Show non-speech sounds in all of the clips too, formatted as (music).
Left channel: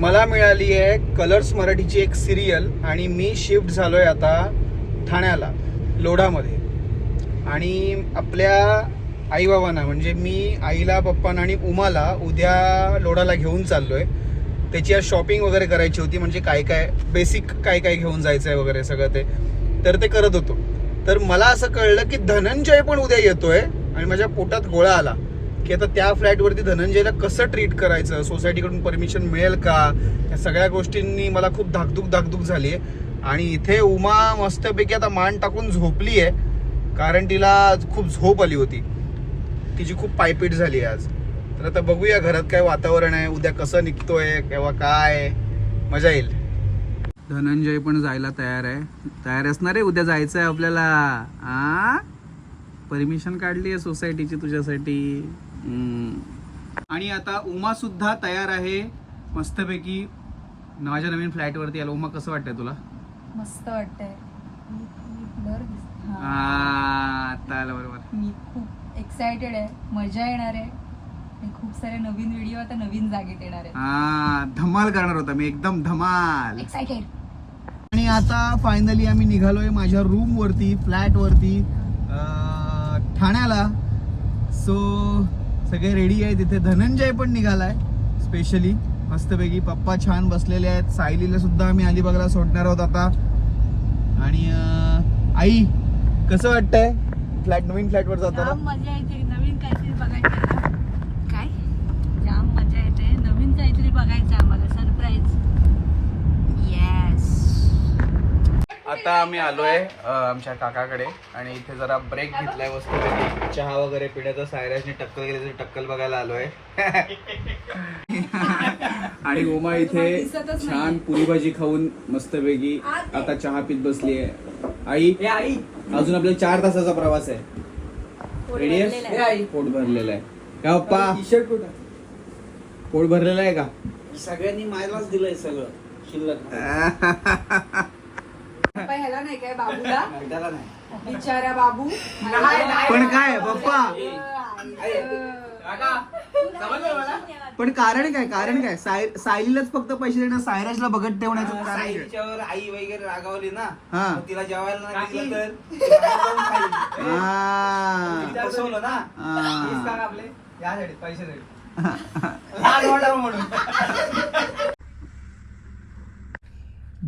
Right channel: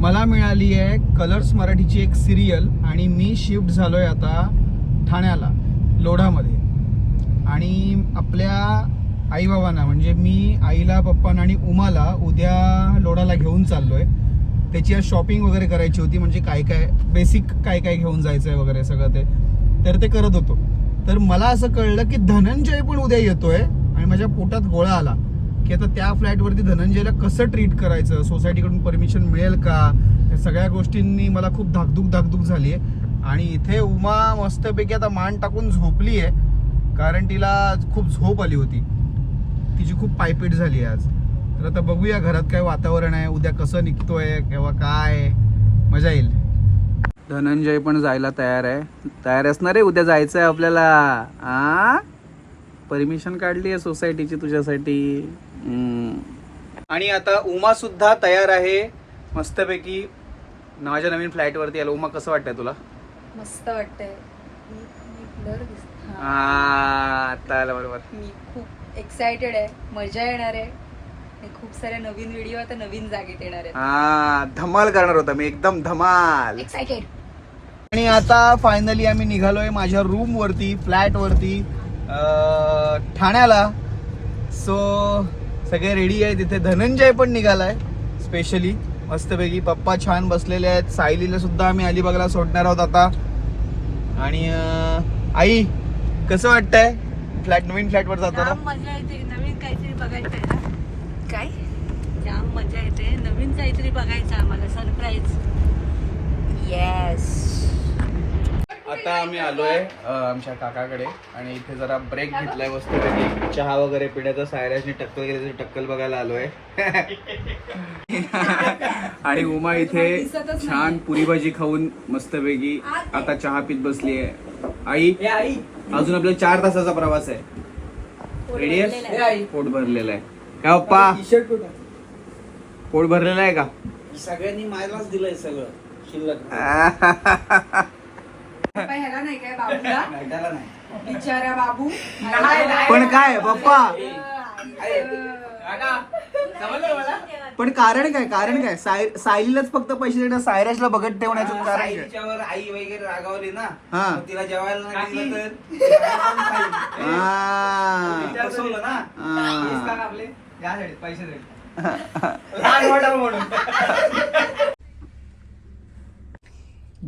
मला मिळाली आहे कलर्स मराठीची एक सिरियल आणि मी शिफ्ट झालो आहे आता ठाण्याला लोढामध्ये. आणि आपल्या आईबाबांना म्हणजे मी आईला पप्पांना आणि उमाला उद्या लोढाला घेऊन चाललो आहे त्याची आज शॉपिंग वगैरे करायची होती म्हणजे काय काय बेसिक काय काय घेऊन जायचं आहे वगैरे सगळं ते. तर ते करत होतो. तर मला असं कळलं की धनंजय पण उद्या येतोय आणि माझ्या पोटात गोळा आला. की आता त्या फ्लॅटवरती धनंजयला कसं ट्रीट करायचं? सोसायटीकडून परमिशन मिळेल का? या सगळ्या गोष्टींनी मला खूप धाकधूक धाकधूक झाली आहे आणि इथे उमा मस्तपैकी आता मान टाकून झोपली आहे कारण तिला खूप झोप आली होती. तिची खूप पायपीट झाली आहे आज. तर आता बघूया घरात काय वातावरण आहे उद्या कसं निघतोय किंवा काय. मजा येईल. धनंजय पण जायला तयार आहे. तयार असणार आहे उद्या जायचं आहे आपल्याला. आ? परमिशन काढली आहे सोसायटीची तुझ्यासाठी. आणि आता उमा सुद्धा तयार आहे मस्तपैकी. माझ्या नवीन फ्लॅटवरती आलो. उमा कसं वाटतंय तुला? मस्त वाटतंय. बरोबर. मी खूप एक्सायटेड आहे. मजा येणार आहे. खूप साऱ्या नवीन व्हिडिओ आता नवीन जागेत येणार आहेत. हा धमाल करणार होता मी. एकदम धमाल. एक्सायटेड आणि आता फायनली आम्ही निघालोय माझ्या रूम वरती फ्लॅट वरती ठाण्याला. सो सगळे रेडी आहे तिथे धनंजय पण निघालाय स्पेशली मस्तपैकी पप्पा छान बसलेले आहेत. सायलीला सुद्धा आम्ही अलिबागला सोडणार आहोत आता. आणि आई कसं वाटतंय? फ्लॅट नवीन फ्लॅटवर जाताना? मजा येते. नवीन काहीतरी बघायचं ना काय जाम मजा येते नवीन काहीतरी बघायचं आम्हाला सरप्राईज येस आता आम्ही आलोय आमच्या काकाकडे आणि इथे जरा ब्रेक घेतलाय मस्तपैकी चहा वगैरे पिण्याचा सायराजने टक्कल गेली टक्कल बघायला आलोय. आणि उमा इथे छान पुरी भाजी खाऊन मस्तपैकी आता चहा पित बसली आहे आई आई. अजून आपल्याला चार तासाचा प्रवास आहे. रेडी आहे. पोट भरलेलं आहे. का पप्पा? पोट भरलेलं आहे का? सगळ्यांनी मायलाच दिलंय सगळं शिल्लक (laughs) ह्याला नाही काय बाबूला नाही त्याला नाही. बिचारा बाबू. पण काय पप्पा? पण कारण काय कारण काय? साय- सायलीलाच फक्त पैसे देणं सायराजला बघत ठेवण्याचं कारण काय? साईच्यावर आई वगैरे रागावली ना हा. मग तिला जेवायला नाही दिलं तर? ती खाईल. आ. फसवलं ना आ. पैसे दे लहान वाटलं म्हणून.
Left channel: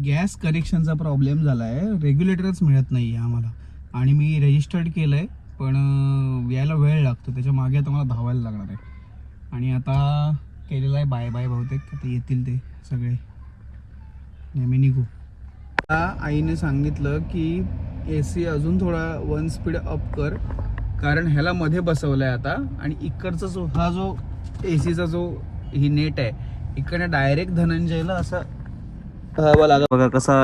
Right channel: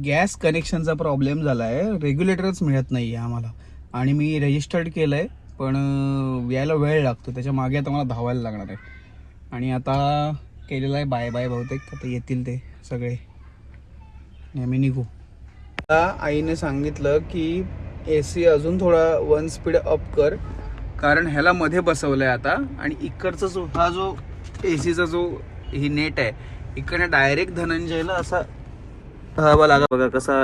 गॅस कनेक्शनचा प्रॉब्लेम झाला आहे रेग्युलेटरच मिळत नाही आहे आम्हाला. आणि मी रजिस्टर्ड केलं आहे पण यायला वेळ लागतो. त्याच्यामागे आता मला धावायला लागणार आहे. आणि आता केलेलं आहे बाय बाय बहुतेक. आता येतील ते सगळे. नेहमी निघू. आता आईने सांगितलं की ए सी अजून थोडा वन स्पीड अप कर. कारण ह्याला मध्ये बसवलं आहे आता. आणि इकडचा जो हा जो ए सीचा जो ही नेट आहे इकडे डायरेक्ट धनंजयला असा हवा लागा बघा कसा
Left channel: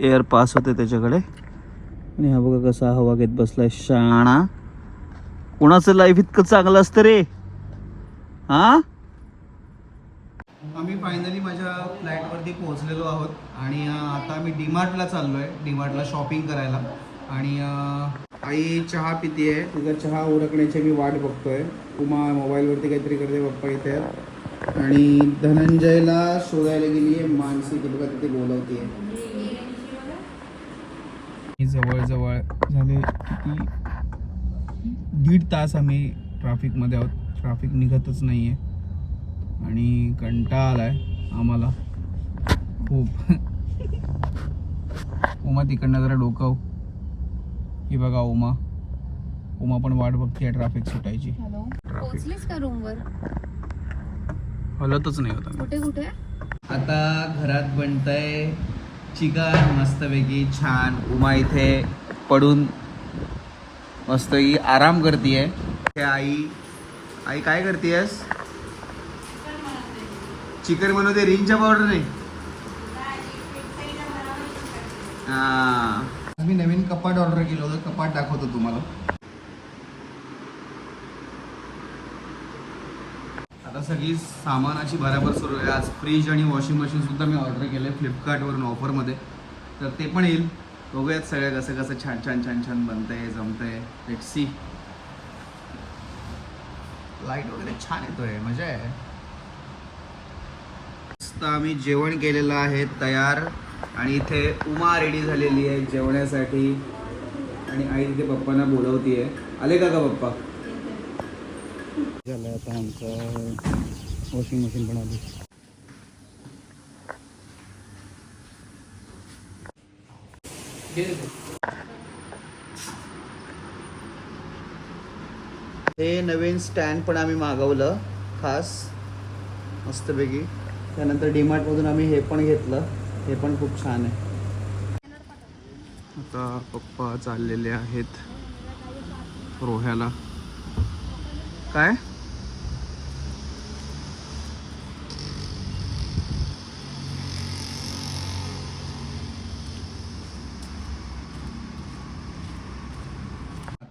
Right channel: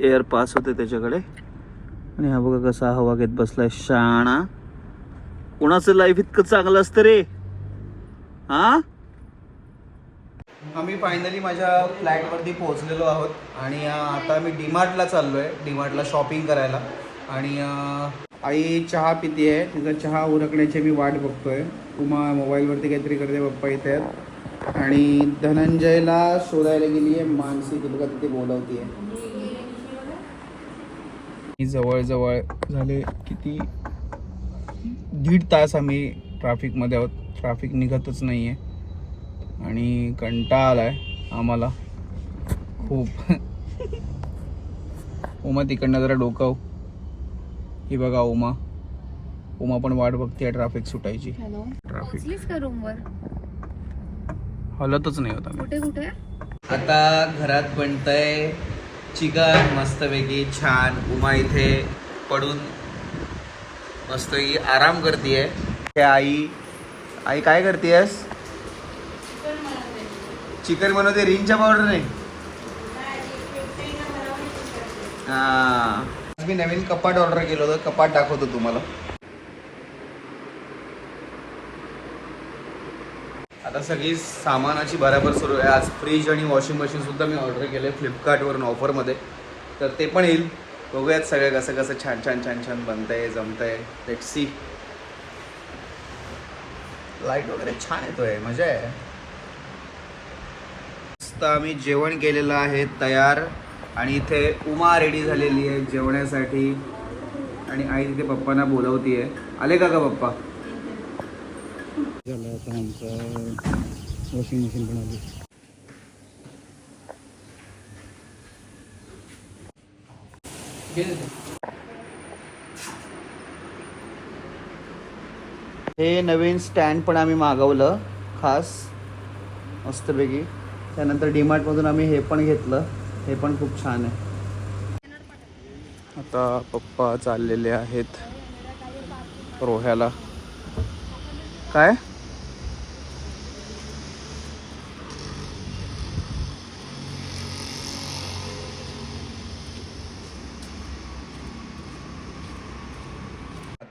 एअर पास होते त्याच्याकडे. आणि हा बघा कसा हवा घेत बसलाय शाणा. कोणाचं लाईफ इतकं चांगलं असतं रे? हा? आम्ही फायनली माझ्या फ्लॅटवरती पोहोचलेलो आहोत. आणि आता आम्ही डीमार्टला चाललो आहे डीमार्टला शॉपिंग करायला. आणि आई चहा पिते आहे तिचा चहा उरकण्याची मी वाट बघतोय. उमा मोबाईलवरती काहीतरी करते पप्पा इथे. आहेत आणि धनंजयला शोधायला गेली आहे मानसी तुला तिथे बोलवते जवळजवळ झाले किती दीड तास आम्ही ट्रॅफिकमध्ये आहोत. ट्रॅफिक निघतच नाही आहे आणि कंटाळा आलाय आम्हाला. खूप. उमा तिकडनं जरा डोकाव ही बघा उमा. उमा पण वाट बघते ट्रॅफिक सुटायची. हॅलो. ट्रॅफिक पोहोचलीस का रूम वर हलतच नाही होता कुठे कुठे? आता घरात बनतंय चिकन मस्तपैकी छान. उमा इथे पडून मस्तपैकी आराम करतीये. हे आई आई काय करतेयस? चिकन बनवते. रिंगच्या पावडरने हा. आज मी नवीन कपाट ऑर्डर केलं होतं. कपाट दाखवतो तुम्हाला. आता सगळी सामानाची बराबर सुरू आहे. आज फ्रीज आणि वॉशिंग मशीनसुद्धा मी ऑर्डर केलं आहे फ्लिपकार्टवरून ऑफरमध्ये तर ते पण येईल. बघूयात सगळं कसं कसं छान छान छान छान बनतंय जमतंय. सी लाइट वगैरे छान येतोय. मजा आहे. मस्त आम्ही जेवण केलेलं आहे तयार. आणि इथे उमा रेडी झालेली आहे जेवण्यासाठी. आणि आई तिथे पप्पांना बोलवतीये. आले का का पप्पा? झालं आता आमचं वॉशिंग मशीन पण आली. हे नवीन स्टँड पण आम्ही मागवलं खास मस्तपैकी. त्यानंतर डीमार्टमधून आम्ही हे पण घेतलं. हे पण खूप छान आहे. आता पप्पा चाललेले आहेत रोह्याला. काय?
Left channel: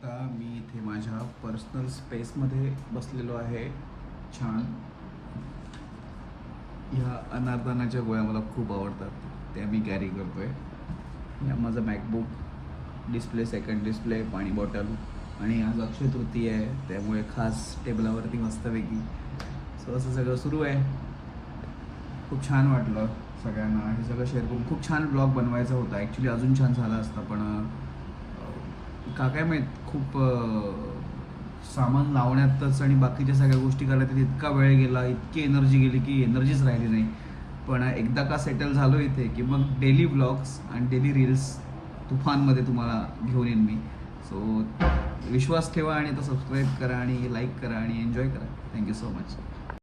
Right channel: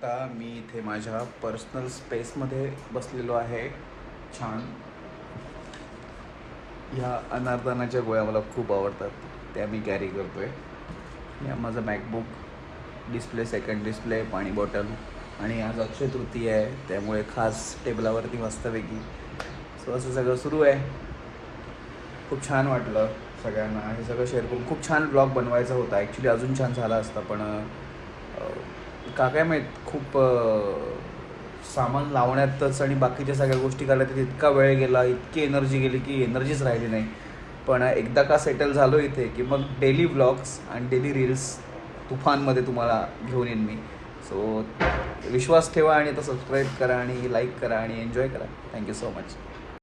आता मी इथे माझ्या पर्सनल स्पेसमध्ये बसलेलो आहे. छान. ह्या अनारदानाच्या गोळ्या मला खूप आवडतात. त्या मी कॅरी करतो आहे या माझं मॅकबुक डिस्प्ले सेकंड डिस्प्ले पाणी बॉटल आणि आज अक्षय तृतीय आहे. त्यामुळे खास टेबलावरती मस्तपैकी सो असं सगळं सुरू आहे. खूप छान वाटलं सगळ्यांना. हे सगळं शेअर करून खूप छान ब्लॉग बनवायचा होता. ॲक्च्युली अजून छान झाला असता पण का काय माहीत? खूप सामान लावण्यातच आणि बाकीच्या सगळ्या गोष्टी करण्यात इतका वेळ गेला इतकी एनर्जी गेली की एनर्जीच राहिली नाही. पण एकदा का सेटल झालो इथे की मग डेली ब्लॉग्स आणि डेली रील्स तुफानमध्ये तुम्हाला घेऊन येईन मी. सो विश्वास ठेवा आणि आता सबस्क्राईब करा आणि लाईक करा आणि एन्जॉय करा. Thank you so much